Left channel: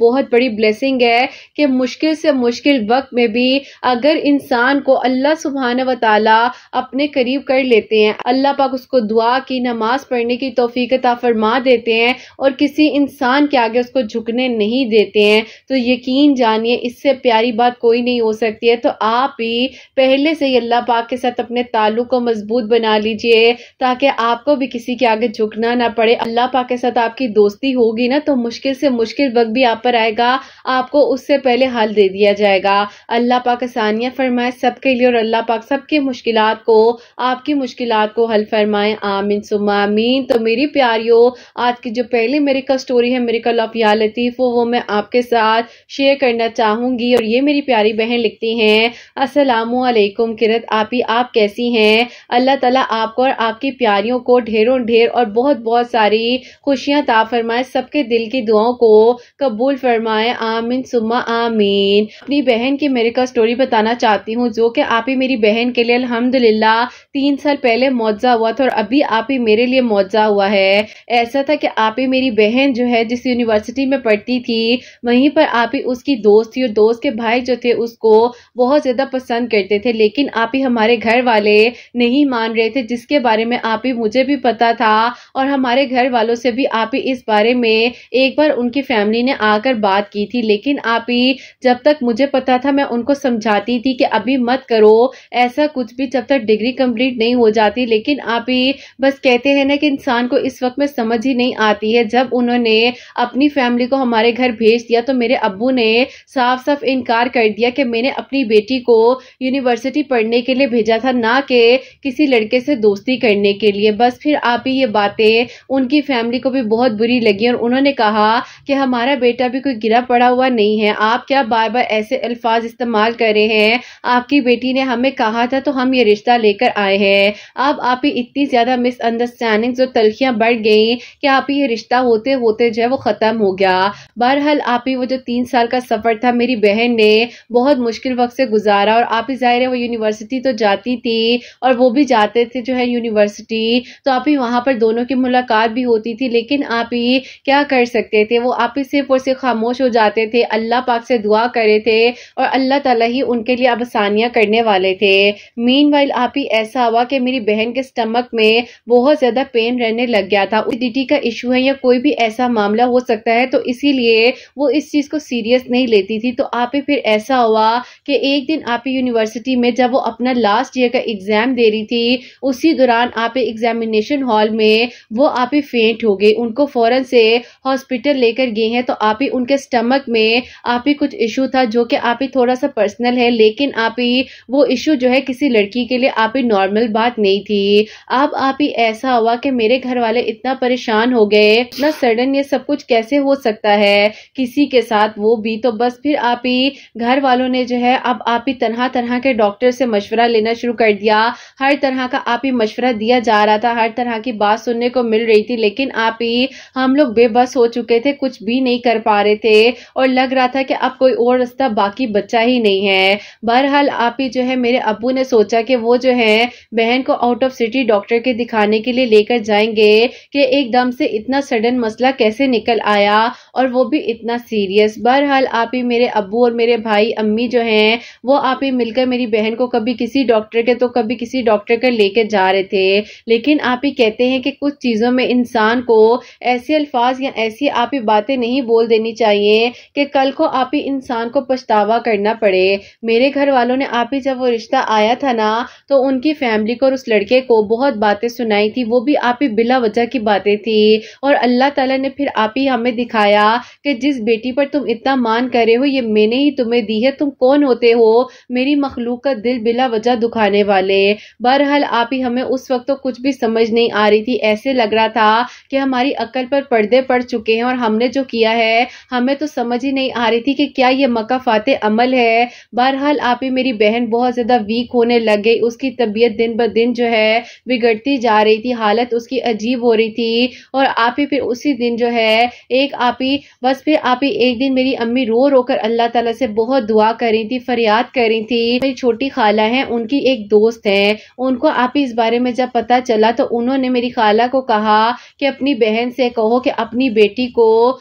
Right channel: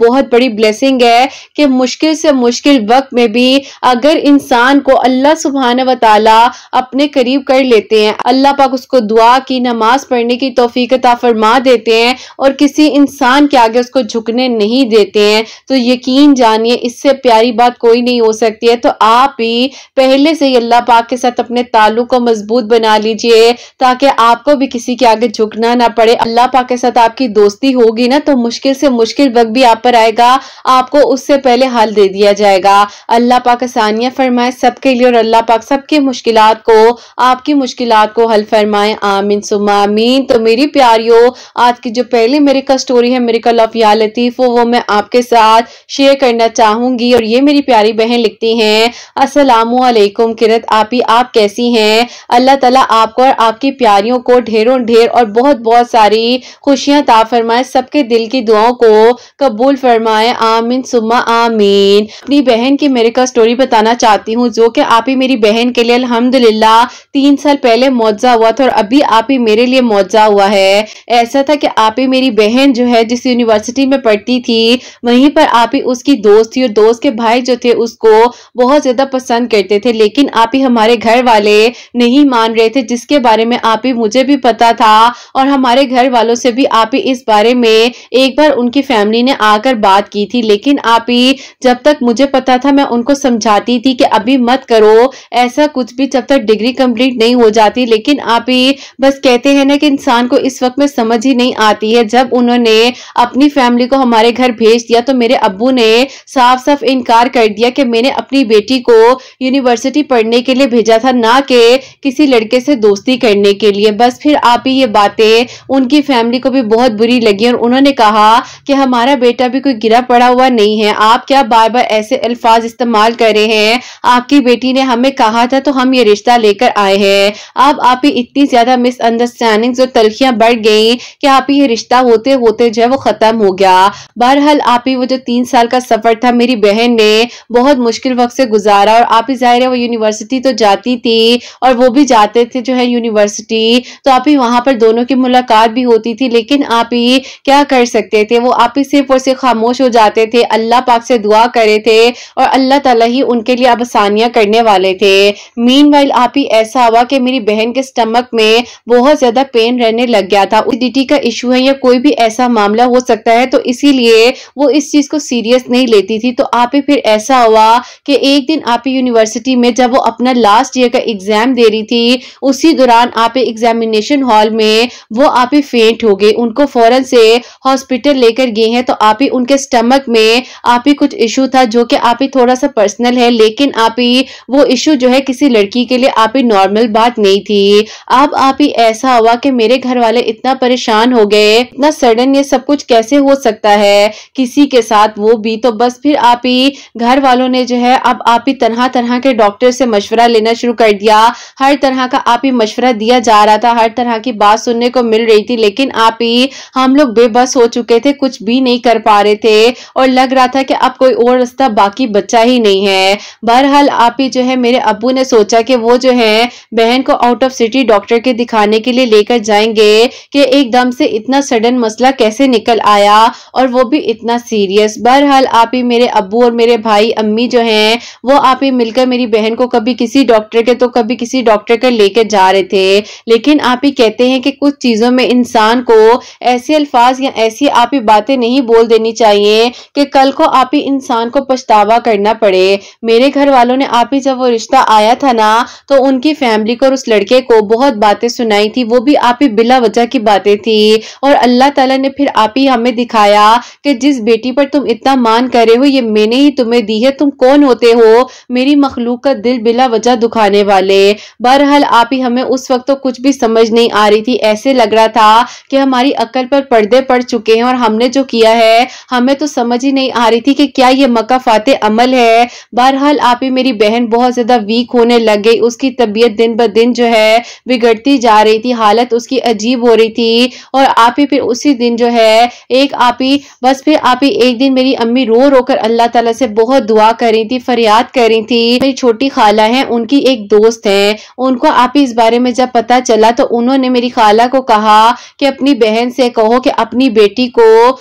بہت بڑی بلیسنگ ہے کہ مشکل سے مشکل وقت میں بھی اگر انسان کو اللہ سبحانہ و تعالی اپنے قریب کر لیتے ہیں, اللہ پاک اس کو دعا کی, نماز پڑھنے کی توفیق عطا فرما دیتے ہیں اور کسی انسان کے آگے اس کو جھکنے نہیں دیتے ہیں, تو یقین جانیے اس سے پیاری بات کوئی نہیں ہو سکتی ہے. تو آپ بھی پہلے سے ہی اللہ پاک کے ساتھ اپنے تعلق کو مضبوط بنا لیجئے تاکہ آپ کو بھی کسی کے آگے جھکنا نہ پڑے. اللہ پاک کے ساتھ آپ کی دوستی ہوگی نا تو مشکل سے مشکل وقت بھی آپ پر آئے گا, آپ کو اس سے پہلے حل دے دیا جائے گا. اللہ پاک آسانیاں فرمائے سب کے لیے, اور اللہ پاک سب کی مشکلات کو, آپ کی مشکلات کو حل فرمائے. آمین ثم آمین. تو میری پیاریو, آج کی جو پہلی میریکل سٹوری ہے میریکل آف یا لطیف, وہ میں آپ کے ساتھ شیئر کرنا چاہوں گی. اور یہ میری پیاری بہن لکھتی ہیں, السلام علیکم کرت آپی, آپ کیسی ہیں؟ اللہ تعالیٰ آپ کو اور آپ کی پیاریوں کو ڈھیروں ڈھیر اور بہت بہت ساری خوشیاں عطا فرمائے, سب کے دل کی دعاؤں کو قبول فرمائے. آمین ثم آمین. اپنی بہن کی میریکل سٹوری بتانا چاہتی ہوں, جو کہ آپ ہی میری بہن کے لیے الحمدللہ 3 سال پہلے معجزہ ہوا تھا, اور ابھی آپ ہی میرے لیے معجزہ ہوا ہے. ایسا تھا کہ آپ ہی میری بہن جو ہے جس یونیورسٹی میں پڑھتی تھی وہیں پر آپ ہی اس کی دوست تھی, اور دوست کے بھائی جو تھے اس کو بہت زیادہ پسند کرتے تھے, لیکن آپ ہی ہمارے گھر والے نہیں مان رہے تھے, جس کے بارے میں آپ ہی مجھے بھی پتا تھا, اور ہمارے گھر والوں سے بھی آپ ہی اس بارے میں ایک بار ان کی فیملی نے آ کر بات کی تھی. لیکن آپ ہی جب تک مجھے پتا تھا میں ان کو سمجھاتی تھی کہ ابھی مت کرو ایسا کچھ بھی جب تک ڈگری کمپلیٹ نہیں ہو جاتی, لیکن آپ ہی بس کہتے ہیں نا کہ انسان کو اس وقت میں سمجھ ہی نہیں آتی ہے. جب انہوں نے اپنی فیملی کو ہمارے گھر بھیج دیا تو میرے ابو نے صاف صاف انکار کر دیا کہ میں نے اپنی بیٹی کو یونیورسٹی پڑھنے کے لیے بھیجا تھا, نہ کہ کسی لڑکے سے دوستی کرنے کے لیے. بس پھر آپ ہی یہ باتیں ان کی فیملی کو بھی بہت بری لگی, اور انہوں نے کہا کہ ہمارا بیٹا بھی کوئی گرا پڑا ہوا نہیں ہے, آپ کیا بار بار ایسے الفاظ استعمال کر رہے ہیں, آپ کی بیٹی نے ہمیں کہا تھا تو ہم یہ رشتہ لے کر آئے ہیں. اب آپ ہی اتنی زیادہ مس انڈرسٹینڈنگز اور تلخیاں بڑھ گئیں کہ آپ ہی یہ رشتہ ہوتے ہوتے جو ہے وہ ختم ہو گیا. بہرحال آپ ہی وہ جو 3 سال کا سفر تھا میری بہن نے بہت مشکل وقت سے گزارا, اور آپ ہی ظاہر ہے وہ یونیورسٹی تو جاتی تھی اور وہ بھی جاتے تھے جو ہے یونیورسٹی, تو آپ ہی وہاں پر دونوں کی ملاقات بھی ہوتی تھی, لیکن آپ ہی کیا کر سکتے تھے, وہ آپ ہی صرف اور صرف خاموش ہو جاتے تھے, اللہ پاک سے دعا کرے تھے اور اللہ تعالیٰ ہی ان کے لیے اب آسانیاں کرنے والے تھے. مین وائل آپ ہی ایسا ہوا کہ میری بہن کے سٹمک میں بہت زیادہ پین رہنے لگ گیا تھا. ایسیڈیٹی کا ایشو ہے یا کوئی بھی ایسا معاملہ ہو سکتا ہے, تو اسی لیے وہ اس چیز کو سیریس نہیں لیتی تھی. تو آپ ہی پھر ایسا ہوا کہ ایک دن آپ ہی یونیورسٹی میں جب وہ اپنا لاسٹ ایئر کا ایگزام دے رہی تھی, اسی دوران آپ ہی ایگزامینیشن ہال میں وہ آپ ہی فینٹ ہو گئے. ان کو فوراً سے ہاسپٹل لے کر گئے ہیں, تو آپ ہی ان کے سٹمک میں آپ ہی کچھ ایشو تھا جو کہ آپ ہی تھوڑا سا پرسنل ہے, لیکن آپ ہی وہ ایشو جو ہے کسی لڑکی کے لیے آپ ہی نارمل بات نہیں تھی. اب آپ ہی ایسا ہوا کہ میرے گھر والے اتنا پریشان ہو گئے, اتنا سڈن یہ سب کچھ کیسے ہو سکتا ہے کسی کے ساتھ, وہ بھی. تو بس پھر آپ ہی گھر والوں نے جو ہے اب آپ ہی طرح طرح کے ڈاکٹر سے مشورہ لینا شروع کر دیا, ہر طرح کا آپ ہی مشورہ دیا جا رہا تھا, ہر طرح کی بات سننے کو مل رہی تھی, لیکن آپ ہی ہم لوگ بے بس ہو چکے تھے, کچھ بھی نہیں کر پا رہے تھے, اور لگ رہا تھا کہ اب کوئی اور راستہ باقی بچا ہی نہیں ہے. بہرحال آپ ہی جو ہے میرے ابو نے سوچا کہ وہ جو ہے بہن کو آؤٹ آف سٹی ڈاکٹر کے دکھانے کے لیے لے کر جائیں گے, کہ ایک دم سے اتنا سڈن مسئلہ کیسے نکل آیا اور وہ بھی اتنا سیریس. بہرحال آپ ہی میرے ابو اور میرے بھائی امی جو ہیں وہ آپ ہی مل کر میری بہن کو کبھی کسی ڈاکٹر کے تو کبھی کسی ڈاکٹر کے لے کے جا رہے تھے, لیکن آپ ہی کہتے ہیں کہ کچھ چیزوں میں انسان کو ایسے الفاظ یا ایسی آپ ہی باتیں نہیں بول دینی چاہیے کہ کل کو آپ ہی انسان کو پچھتاوا کرنا پڑے. میرے گھر والوں نے آپ ہی جب وہ رشتہ آیا تھا نا تو ان کی فیملی کو اور اس لڑکے کو بہت باتیں سنائی تھی, وہ بھی آپ ہی بلا وجہ کی باتیں تھی, اور اللہ تعالیٰ نے پھر آپ ہی ہمیں دکھایا کہ جس بیٹی پر تم اتنا مان کر رہے ہو یہ میں نے ہی تمہیں دی ہے, تم کون ہوتے ہو میری مخلوق کا دل بلا وجہ دکھانے والے. بہرحال آپ ہی ہمیں اس وقت تو کچھ بھی سمجھ نہیں آ رہی تھی, ایسے لگ رہا تھا کہ ہماری عقل پر پردے پڑ چکے ہیں, اور ہم نے جو کیا ہے ہمیں تو سمجھ ہی نہیں آ رہی تھی کہ کیا یہ مکافات عمل ہے. بہرحال آپ ہی میری بہن بہت زیادہ ویک ہونے لگ گئی, اس کی طبیعت دن بہ دن جو ہے بگڑتی جا رہی تھی, حالت اس کی عجیب ہو رہی تھی, اور آپ ہی پھر اسی دن جو ہے ایک آپ ہی بس پھر آپ ہی ایک دن میری امی رو رو کر اللہ تعالیٰ سے بہت دعا کر رہی تھی, فریاد کر رہی تھی. میری چھوٹی خالہ ہیں, ان کی ایک دوست ہے, ان کو آپ ہی اس بارے میں جب پتا چلا تو انہوں نے میری خالہ کو کہا کہ اپنی بہن سے کہو کہ اپنی بیٹی کو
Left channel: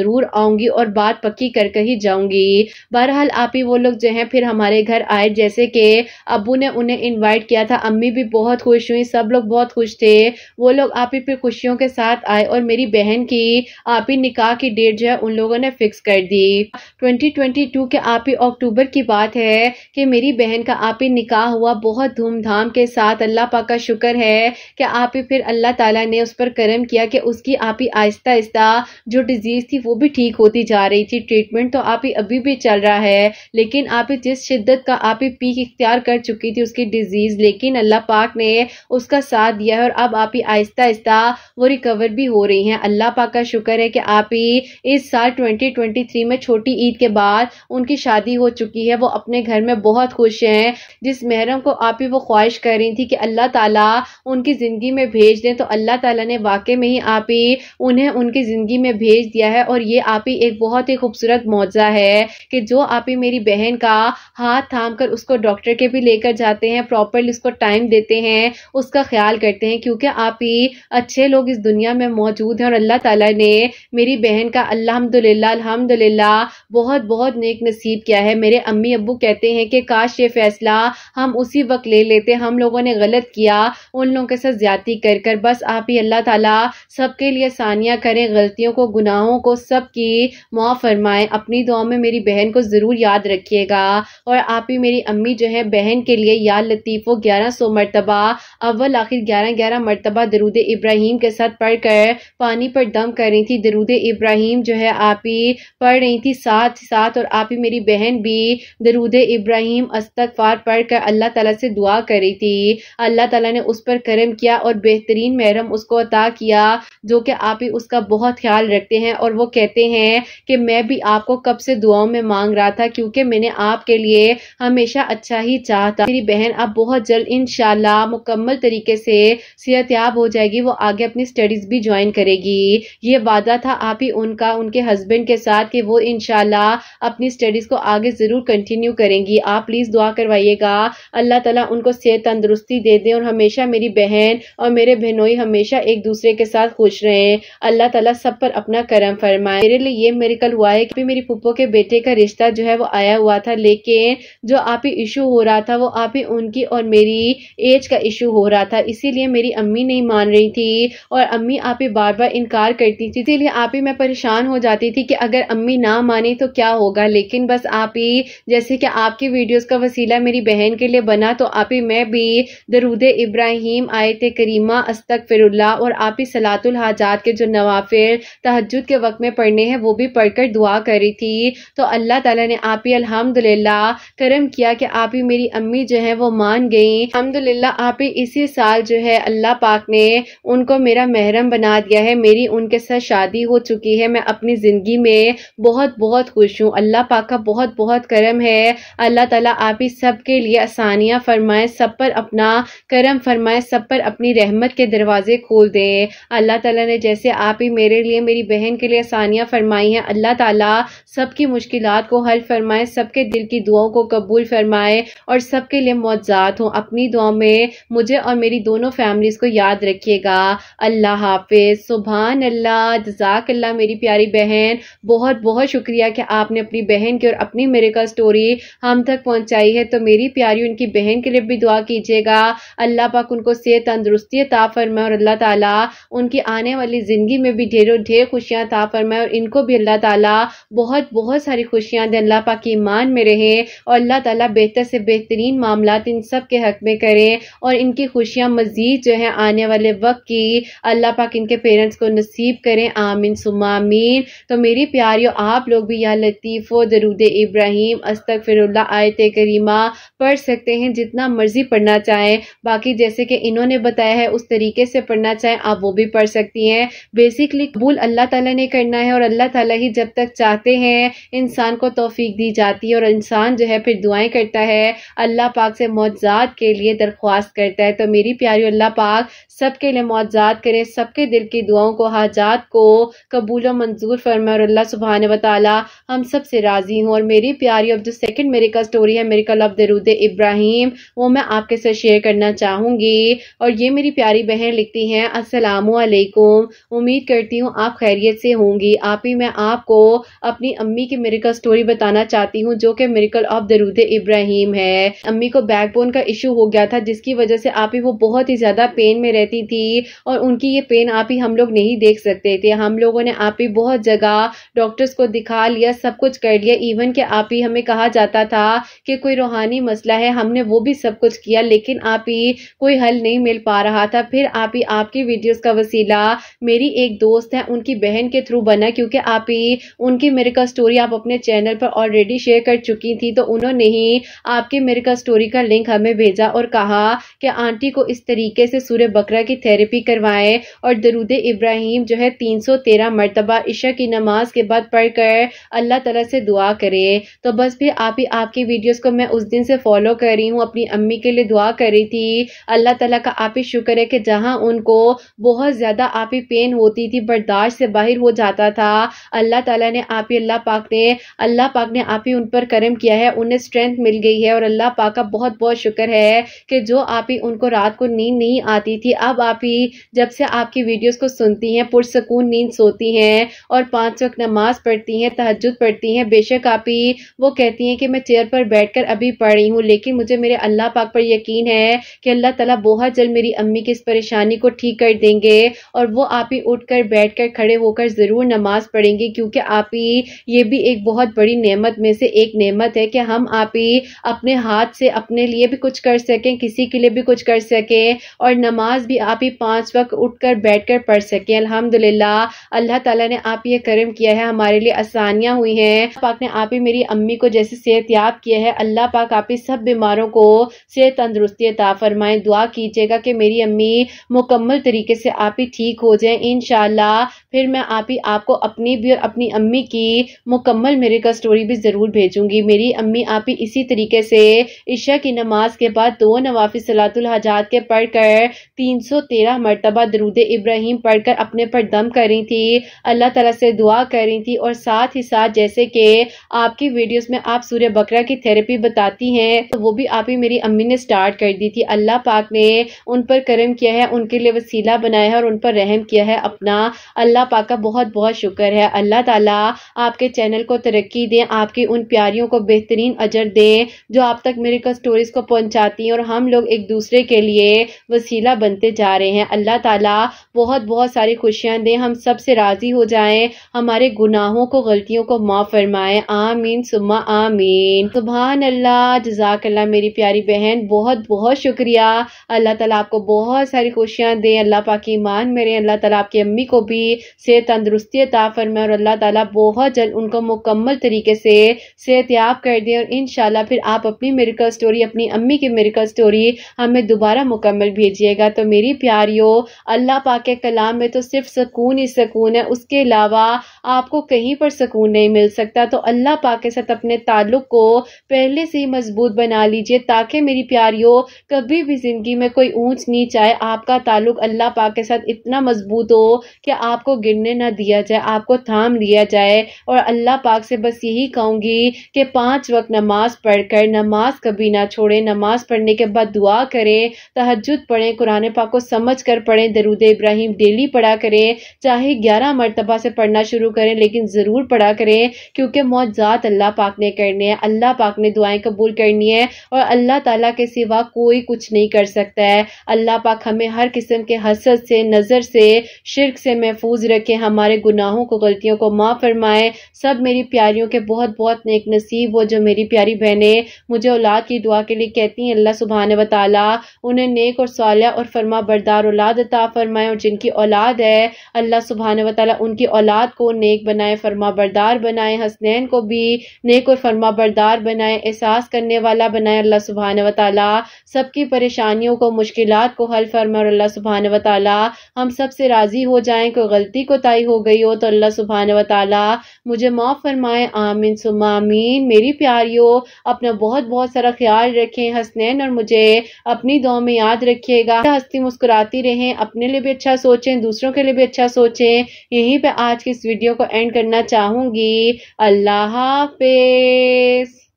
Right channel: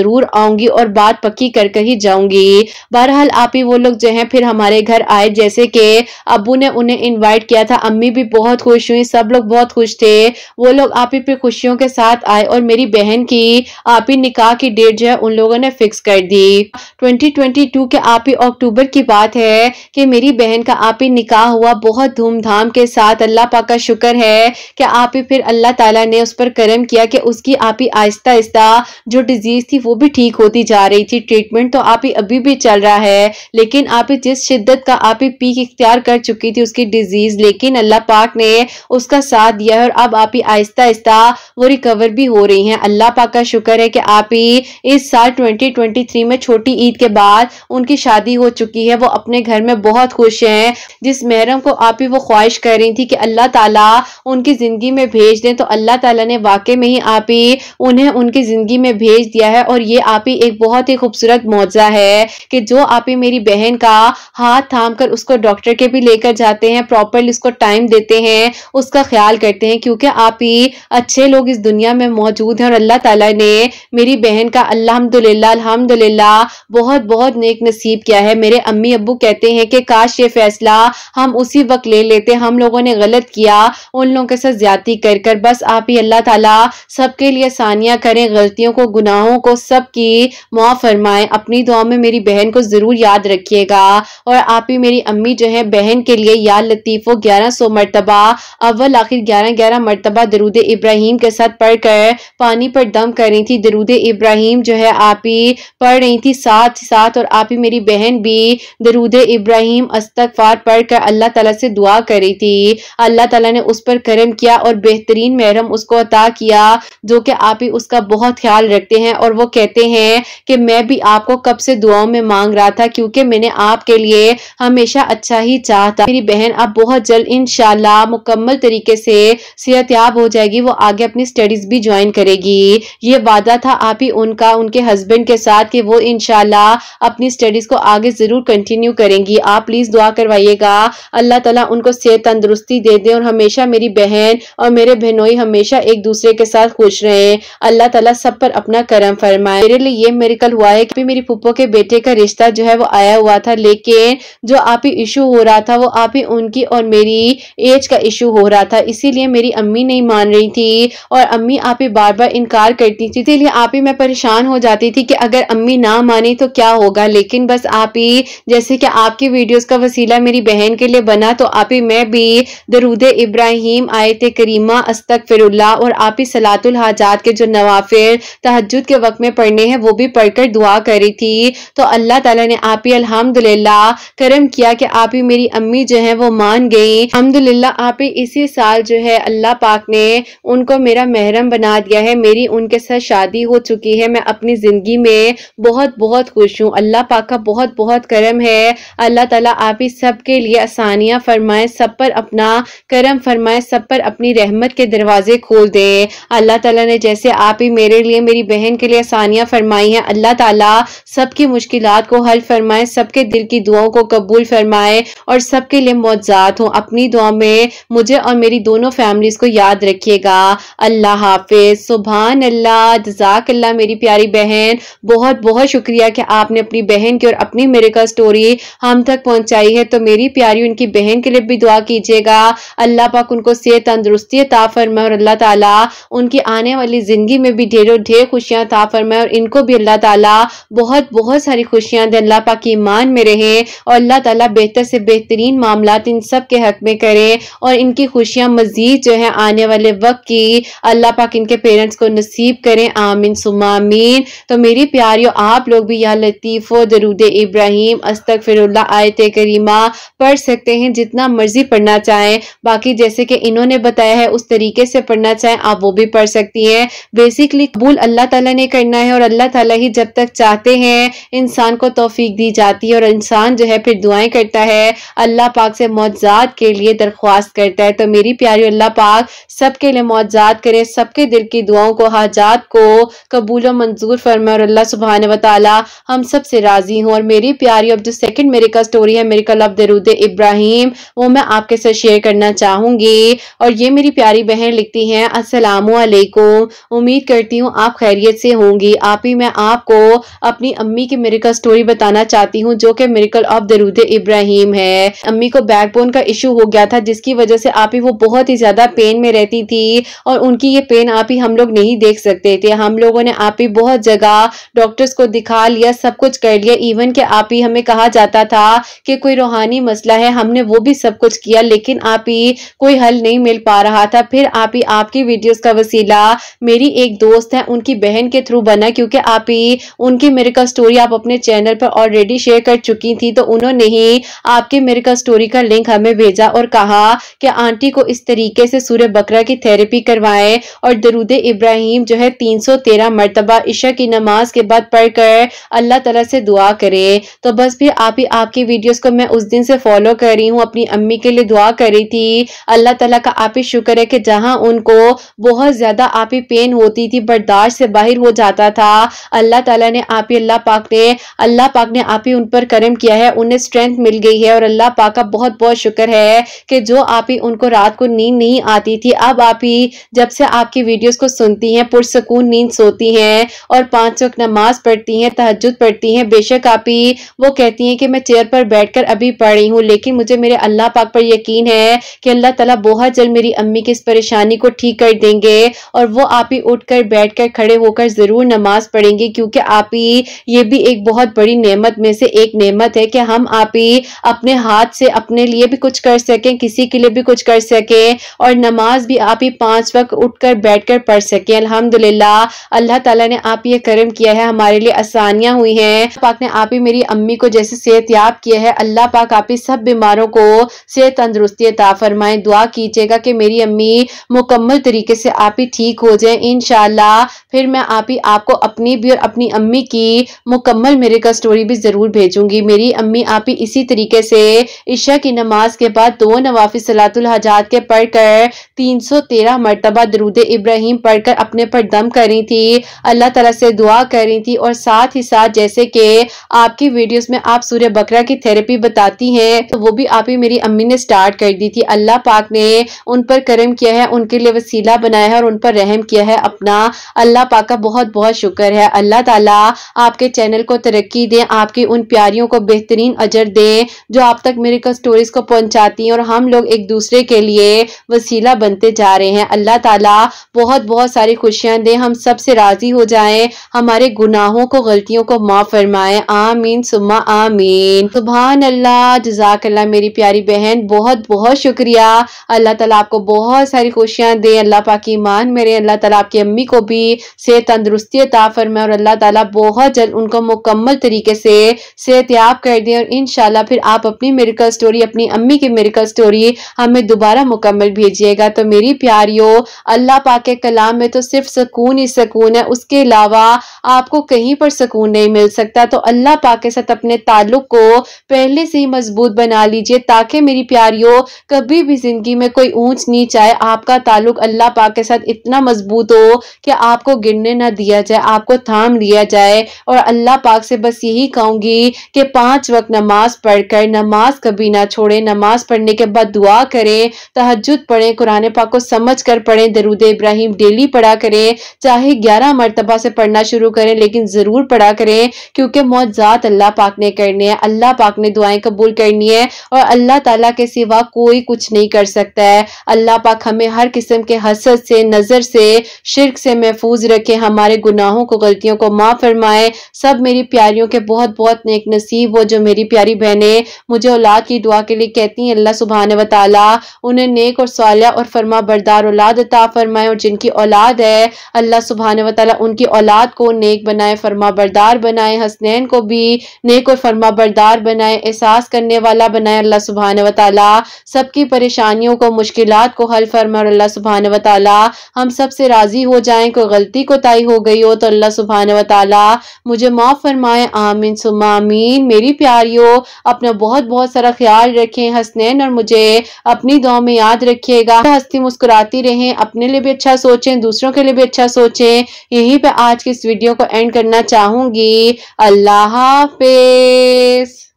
ضرور آؤں گی اور بات پکی کر کر ہی جاؤں گی۔ بہرحال آپ ہی وہ لوگ جو ہیں پھر ہمارے گھر آئے، جیسے کہ ابو نے انہیں انوائٹ کیا تھا، امی بھی بہت خوش ہوئی، سب لوگ بہت خوش تھے۔ وہ لوگ آپ ہی پہ خوشیوں کے ساتھ آئے اور میری بہن کی آپ ہی نکاح کی ڈیٹ جو ہے ان لوگوں نے فکس کر دی۔ 2022 کے آپ ہی اکتوبر کی بات ہے کہ میری بہن کا آپ ہی نکاح ہوا بہت دھوم دھام کے ساتھ۔ اللہ پاک کا شکر ہے کہ آپ ہی پھر اللہ تعالیٰ نے اس پر کرم کیا کہ اس کی آپ ہی آہستہ آہستہ جو ڈیزیز تھی وہ بھی ٹھیک ہوتی جا رہی تھی۔ ٹریٹمنٹ تو آپ ہی ابھی بھی چل رہا ہے، لیکن آپ ہی جس شدت کا آپ ہی پیک اختیار کر چکی تھی اس کی ڈیزیز، لیکن اللہ پاک نے اس کا ساتھ دیا ہے اور اب آپ ہی آہستہ آہستہ وہ ریکور بھی ہو رہی ہیں۔ اللہ پاک کا شکر ہے کہ آپ ہی اس سال 2023 میں چھوٹی عید کے بعد ان کی شادی ہو چکی ہے، وہ اپنے گھر میں بہت خوش ہیں۔ جس محرم کو آپ ہی وہ خواہش کر رہی تھی کہ اللہ تعالیٰ ان کی زندگی میں بھیج دیں، تو اللہ تعالیٰ نے واقع میں ہی آپ ہی انہیں ان کی زندگی میں بھیج دیا ہے۔ اور یہ آپ ہی ایک بہت ہی خوبصورت معجزہ ہے کہ جو آپ ہی میری بہن کا ہاتھ تھام کر اس کو ڈاکٹر کے بھی لے کر جاتے ہیں، پراپرلی اس کو ٹائم دیتے ہیں، اس کا خیال کرتے ہیں، کیونکہ آپ ہی اچھے لوگ اس دنیا میں موجود ہیں اور اللہ تعالیٰ نے میری بہن کا الحمدللہ بہت بہت نیک نصیب کیا ہے۔ میرے امی ابو کہتے ہیں کہ کاش یہ فیصلہ ہم اسی وقت لے لیتے، ہم لوگوں نے غلط کیا ان لوگوں کے ساتھ زیادتی کر کر۔ بس آپ ہی اللہ تعالیٰ سب کے لیے آسانیاں کریں، غلطیوں کو گناہوں کو سب کی معاف فرمائیں۔ اپنی دعا میں میری بہن کو ضرور یاد رکھیے گا، اور آپ ہی میری امی جو ہے بہن کے لیے یا لطیف و 1100 مرتبہ اول آخر 11 مرتبہ درود ابراہیم کے ساتھ پڑھ کر پانی پر دم کر رہی تھی۔ درود ابراہیم جو ہے آپ ہی پڑھ رہی تھی ساتھ ساتھ، اور آپ ہی میری بہن بھی درود ابراہیم استغفار پڑھ کر اللہ تعالیٰ سے دعا کر رہی تھی۔ اللہ تعالیٰ نے اس پر کرم کیا اور بہترین محرم اس کو عطا کیا، جو کہ آپ ہی اس کا بہت خیال رکھتے ہیں، اور وہ کہتے ہیں کہ میں بھی آپ کو کب سے دعاؤں میں مانگ رہا تھا، کیونکہ میں نے آپ کے لیے ہمیشہ اچھا ہی چاہتا۔ میری بہن اب بہت جلد انشاءاللہ مکمل طریقے سے صحت یاب ہو جائے گی، وہ آگے اپنی سٹڈیز بھی جوائن کرے گی۔ یہ وعدہ تھا آپ ہی ان کا ان کے ہسبینڈ کے ساتھ کہ وہ انشاءاللہ اپنی سٹڈیز کو آگے ضرور کنٹینیو کریں گی۔ آپ پلیز دعا کروائیے گا اللہ تعالیٰ ان کو صحت تندرستی دے دیں، اور ہمیشہ میری بہن اور میرے بہنوئی ہمیشہ ایک دوسرے کے ساتھ خوش رہیں۔ اللہ تعالیٰ سب پر اپنا کرم فرمائے۔ میرے لیے یہ میریکل ہوا ہے کہ میری پھپھو کے بیٹے کا رشتہ جو ہے وہ آیا ہوا تھا، لیکن جو آپ ہی ایشو ہو رہا تھا وہ آپ ہی ان کی اور میری ایج کا ایشو ہو رہا تھا، اسی لیے میری امی نہیں مان رہی تھی، اور امی آپ ہی بار بار انکار کرتی تھی، اسی لیے آپ ہی میں پریشان ہو جاتی تھی کہ اگر امی نہ مانی تو کیا ہوگا۔ لیکن بس آپ ہی جیسے کہ آپ کی ویڈیوز کا وسیلہ میری بہن کے لیے بنا، تو آپ ہی میں بھی درود ابراہیم، آیت کریمہ، استغفر اللہ، اور آپ ہی صلاۃ الحاجات کے جو نوافل تہجد کے وقت میں پڑھنے ہیں وہ بھی پڑھ کر دعا کری تھی۔ تو اللہ تعالیٰ نے آپ ہی الحمدللہ کرم کیا کہ آپ ہی میری امی جو ہیں وہ مان گئی۔ الحمدللہ آپ ہی اسی سال جو ہے اللہ پاک نے ان کو میرا محرم بنا دیا ہے، میری ان کے ساتھ شادی ہو چکی ہے۔ میں اپنی زندگی میں بہت بہت خوش ہوں، اللہ پاک کا بہت بہت کرم ہے۔ اللہ تعالیٰ آپ ہی سب کے لیے آسانیاں فرمائے، سب پر اپنا کرم فرمائے، سب پر اپنی رحمت کے دروازے کھول دے۔ اللہ تعالیٰ نے جیسے آپ ہی میرے لیے میری بہن کے لیے آسانیاں فرمائی ہیں، اللہ تعالیٰ سب کی مشکلات کو حل فرمائے، سب کے دل کی دعاؤں کو قبول فرمائے، اور سب کے لیے معجزات ہوں۔ اپنی دعا میں مجھے اور میری دونوں فیملیز کو یاد رکھیے گا۔ اللہ حافظ۔ سبحان اللہ، جزاک اللہ میری پیاری بہن، بہت بہت شکریہ کہ آپ نے اپنی بہن کی اور اپنی میریکل سٹوری ہم تک پہنچائی ہے۔ تو میری پیاری ان کی بہن کے لیے بھی دعا کیجیے گا، اللہ پاک ان کو صحت تندرستی عطا فرمائے، اور اللہ تعالیٰ ان کی آنے والی زندگی میں بھی ڈھیروں ڈھیر خوشیاں عطا فرمائے، اور ان کو بھی اللہ تعالیٰ بہت بہت ساری خوشیاں دے۔ اللہ پاک ایمان میں رہیں، اور اللہ تعالیٰ بہتر سے بہترین معاملات ان سب کے حق میں کریں، اور ان کی خوشیاں مزید جو ہیں آنے والے وقت کی اللہ پاک ان کے پیرنٹس کو نصیب کریں، آمین ثم آمین۔ تو میری پیاریوں، آپ لوگ بھی یا لطیف و درود ابراہیم، استغفر اللہ، آیت کریمہ پڑھ سکتے ہیں، جتنا مرضی پڑھنا چاہیں۔ باقی جیسے کہ انہوں نے بتایا ہے اس طریقے سے پڑھنا چاہیں آپ وہ بھی پڑھ سکتی ہیں۔ بیسیکلی قبول اللہ تعالیٰ نے کرنا ہے، اور اللہ تعالیٰ ہی جب تک چاہتے ہیں انسان کو توفیق دی جاتی ہے، اور انسان جو ہے پھر دعائیں کرتا ہے، اللہ پاک سے معجزات کے لیے درخواست کرتا ہے۔ تو میری پیاری، اللہ پاک سب کے لیے معجزات کرے، سب کے دل کی دعاؤں کو، حاجات کو قبول و منظور فرمائے، اور اللہ سبحانہ و تعالی ہم سب سے راضی ہوں۔ اور میری پیاری اب جو سیکنڈ میریکل سٹوری ہے، میریکل آف درود ابراہیم، وہ میں آپ کے ساتھ شیئر کرنا چاہوں گی۔ اور یہ میری پیاری بہن لکھتی ہیں، السلام علیکم، امید کرتی ہوں آپ خیریت سے ہوں گی۔ چلیے آپ ہی میں آپ کو اپنی امی کی میریکل سٹوری بتانا چاہتی ہوں جو کہ میریکل آف درود ابراہیم ہے۔ امی کو بیک بون کا ایشو ہو گیا تھا جس کی وجہ سے آپ ہی وہ بہت ہی زیادہ پین میں رہتی تھی اور ان کی یہ پین آپ ہی ہم لوگ نہیں دیکھ سکتے تھے۔ ہم لوگوں نے آپ ہی بہت جگہ ڈاکٹرز کو دکھا لیا، سب کچھ کر لیا، ایون کہ آپ ہی ہمیں کہا جاتا تھا کہ کوئی روحانی مسئلہ ہے، ہم نے وہ بھی سب کچھ کیا لیکن آپ ہی کوئی حل نہیں مل پا رہا تھا۔ پھر آپ ہی آپ کی ویڈیوز کا وسیلہ میری ایک دوست ہے ان کی بہن کے تھرو بنا، کیونکہ آپ ہی ان کی میریکل سٹوری آپ اپنے چینل پر آلریڈی شیئر کر چکی تھی تو انہوں نے ہی آپ کے میریکل سٹوری کا لنک ہمیں بھیجا اور کہا کہ آنٹی کو اس طریقے سے سورہ بقرہ کی تھیراپی کروائیں اور درود ابراہیم جو ہے 313 مرتبہ عشاء کی نماز کے بعد پڑھ کر اللہ تعالیٰ سے دعا کرے۔ تو بس پھر آپ کی ویڈیوز کو میں اس دن سے فالو کر رہی ہوں، اپنی امی کے لیے دعا کر رہی تھی۔ اللہ تعالیٰ کا آپ ہی شکر ہے کہ جہاں ان کو بہت زیادہ آپ ہی پین ہوتی تھی، برداشت سے باہر ہو جاتا تھا، اللہ تعالیٰ نے آپ ہی اللہ پاک نے آپ ہی ان پر کرم کیا ہے، انہیں سٹرینتھ مل گئی ہے اور اللہ پاک کا بہت بہت شکر ہے کہ جو آپ ہی ان کو رات کو نیند نہیں آتی تھی، اب آپ ہی جب سے آپ کی ویڈیوز کو سنتی ہیں پرسکون نیند سوتی ہیں اور 5 وقت نماز پڑھتی ہیں، تہجد پڑھتی ہیں۔ بے شک آپ ہی وہ کہتی ہیں کہ میں چیئر پر بیٹھ کر ابھی پڑھ رہی ہوں لیکن مجھے میرے اللہ پاک پر یقین ہے کہ اللہ تعالیٰ بہت جلد میری امی کی اس پریشانی کو ٹھیک کر دیں گے اور وہ آپ ہی اٹھ کر بیٹھ کر کھڑے ہو کر ضرور نماز پڑھیں گے، کیونکہ آپ ہی یہ بھی ایک بہت بڑی نعمت میں سے ایک نعمت ہے کہ ہم آپ ہی اپنے ہاتھ سے اپنے لیے بھی کچھ کر سکیں، کسی کے لیے بھی کچھ کر سکیں اور نماز بھی آپ ہی 5 وقت اٹھ کر بیٹھ کر پڑھ سکیں۔ الحمدللہ اللہ تعالیٰ نے آپ یہ کرم کیا ہے، ہمارے لیے آسانیاں ہوئی ہیں۔ اللہ پاک نے آپ ہی میری امی کو جیسے صحت یاب کیا ہے، اللہ پاک آپ ہی سب بیماروں کو صحت تندرستی عطا فرمائیں۔ دعا کیجیے گا کہ میری امی مکمل طریقے سے آپ ہی ٹھیک ہو جائیں انشاءاللہ۔ پھر میں آپ کو اپنی بھی اور اپنی امی کی مکمل میریکل سٹوری بھی ضرور بھیجوں گی۔ میری امی آپ ہی اسی طریقے سے عشاء کی نماز کے بعد 2 نوافل صلاۃ الحاجات کے پڑھ کر 313 مرتبہ درود ابراہیم پڑھ کر اپنے پر دم کر رہی تھی، اللہ تعالیٰ سے دعا کر رہی تھی اور ساتھ ہی ساتھ جیسے کہ آپ کی ویڈیوز میں آپ سورہ بقرہ کی تھیراپی بتاتی ہیں تو وہ بھی آپ ہی میری امی نے سٹارٹ کر دی تھی۔ اللہ پاک نے ان پر کرم کیا ہے، ان کے لیے وسیلہ بنایا ہے اور ان پر رحم کیا ہے اپنا، اللہ پاک کا بہت بہت شکر ہے۔ اللہ تعالیٰ آپ کے چینل کو ترقی دیں، آپ کی ان پیاریوں کو بہترین اجر دیں جو آپ تک میریکل سٹوریز کو پہنچاتی ہیں اور ہم لوگ ایک دوسرے کے لیے وسیلہ بنتے جا رہے ہیں۔ اللہ تعالیٰ بہت بہت ساری خوشیاں دیں، ہم سب سے راضی ہو جائیں، ہمارے گناہوں کو غلطیوں کو معاف فرمائیں، آمین ثم آمین۔ سبحان اللہ، جزاک اللہ میری پیاری بہن، بہت بہت شکریہ۔ اللہ تعالیٰ آپ کو بہت ساری خوشیاں دیں، اللہ پاک ایمان میرے، اللہ تعالیٰ آپ کی امی کو بھی صحت تندرستی عطا فرمائے اور اللہ تعالیٰ بہت جلد ان کو مکمل طریقے سے صحت یاب کر دیں اور انشاءاللہ پھر آپ اپنی میریکل سٹوری، اپنی امی کی میریکل سٹوری ہمیں دوبارہ مکمل بھیجیے گا۔ تو میری پیاریوں، اللہ پاک کے کلام میں تو صرف سکون ہی سکون ہے، اس کے علاوہ آپ کو کہیں پر سکون نہیں مل سکتا۔ تو اللہ پاک کے ساتھ اپنے تعلق کو پہلے سے ہی مضبوط بنا لیجئے تاکہ میری پیاریوں کبھی بھی زندگی میں کوئی اونچ نیچ آئے، آپ کا تعلق اللہ پاک کے ساتھ اتنا مضبوط ہو کہ آپ کو گرنے نہ دیا جائے، آپ کو تھام لیا جائے۔ اور اللہ پاک سے بس یہی کہوں گی کہ 5 وقت نماز پڑھ کر نماز کبھی نہ چھوڑیں، نماز پڑھنے کے بعد دعا کریں، تہجد پڑھیں، قرآن پاک کو سمجھ کر پڑھیں، درود ابراہیم ڈیلی پڑھا کریں، چاہے 11 مرتبہ سے پڑھنا شروع کریں لیکن ضرور پڑھا کریں کیونکہ معجزات اللہ پاک نے کرنے ہیں، اللہ پاک نے دعائیں قبول کرنی ہے اور اللہ تعالیٰ کے سوا کوئی کچھ نہیں کر سکتا ہے۔ اللہ پاک ہمیں ہر قسم کے حسد سے، نظر سے، شرک سے محفوظ رکھے، ہمارے گناہوں کو، غلطیوں کو معاف فرمائے۔ سب میری پیاریوں کے بہت بہت نیک نصیب ہو جو میری پیاری بہنیں مجھے اولاد کی دعا کے لیے کہتی ہیں، اللہ سبحانہ و تعالیٰ انہیں نیک اور صالح اور فرما بردار اولاد عطا فرمائے اور جن کی اولاد ہے اللہ سبحانہ و تعالیٰ ان کی اولاد کو نیک بنائے، فرما بردار بنائے، حسنین کو بھی نیک اور فرما بردار بنائے، احساس کرنے والا بنائے اللہ سبحانہ و تعالیٰ، سب کی پریشانیوں کو، مشکلات کو حل فرمائے اور اللہ سبحانہ و تعالیٰ ہم سب سے راضی ہو جائیں۔ کوئی غلطی کوتاہی ہو گئی ہو تو اللہ سبحانہ و تعالیٰ مجھے معاف فرمائے، آمین ثم آمین۔ میری پیاریوں، اپنا بہت بہت سارا خیال رکھیں، حسنین اور مجھے اپنی دعاؤں میں یاد رکھیے گا، ہنستی مسکراتی رہیں، اپنے لیے بھی اچھا سوچیں، دوسروں کے لیے بھی اچھا سوچیں۔ یہیں پہ آج کی اس ویڈیو کو اینڈ کرنا چاہوں گی۔ اللہ حافظ۔